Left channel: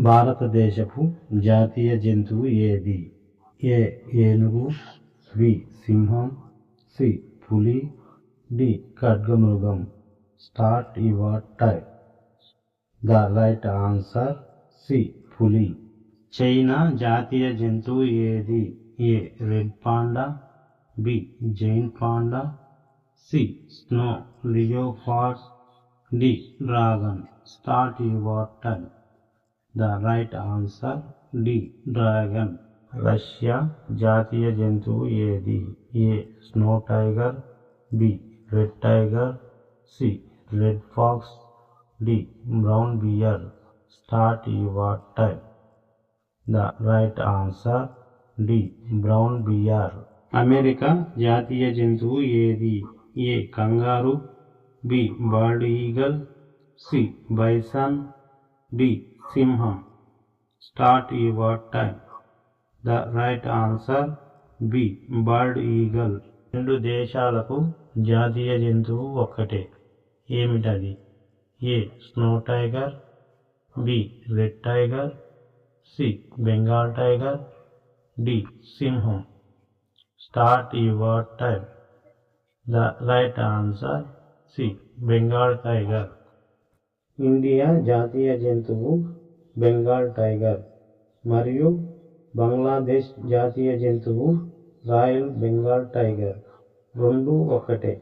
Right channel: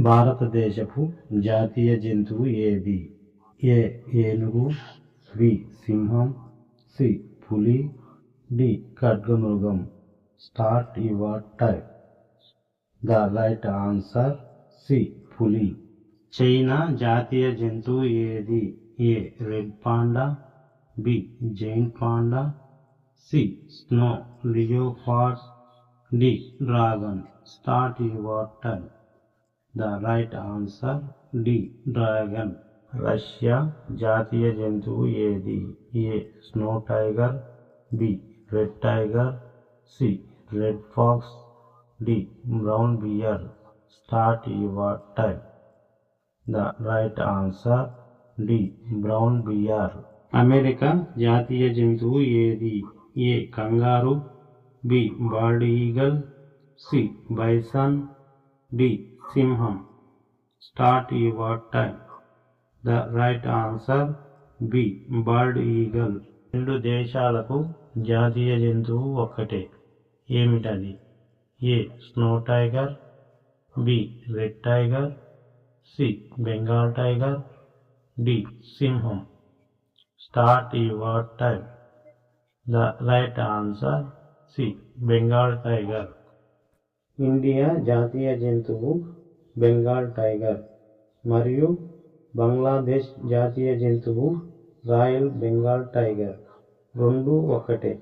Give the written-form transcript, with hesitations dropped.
భారతదేశపు జాతీయ జంతువు ఏది? ఏ ఏనుగు, బి సింహం, సి పులి, డి ఖడ్గమృగం. Start your time. The right answer C పులి. చైనా జాతీయ జంతువు ఏది? A red panda, B giant panda, C snow leopard, D dragon. Start your time. The right answer D dragon. Russia జాతీయ జంతువు ఏది? A snow tiger, B red tiger, C red fox, D brown bear. Start your time. The right answer D brown bear. America జాతీయ జంతువు ఏది? A kangaroo, B bald eagle, C bison, D సింహం. Start your time. The right answer B bird eagle. రెండు దేశాలకు జాతీయ జంతువు ఒక్కటే. ఏమిటది? A snow tiger, B red tiger, C Bengal tiger, D సింహం. Start your time. The right answer C Bengal tiger. India జాతీయ జంతువు బెంగాల్ టైగర్ మరియు బంగ్లాదేశ్ జాతీయ జంతువు రాయల్ బెంగాల్ టైగర్. రెండు ఒక్కటే.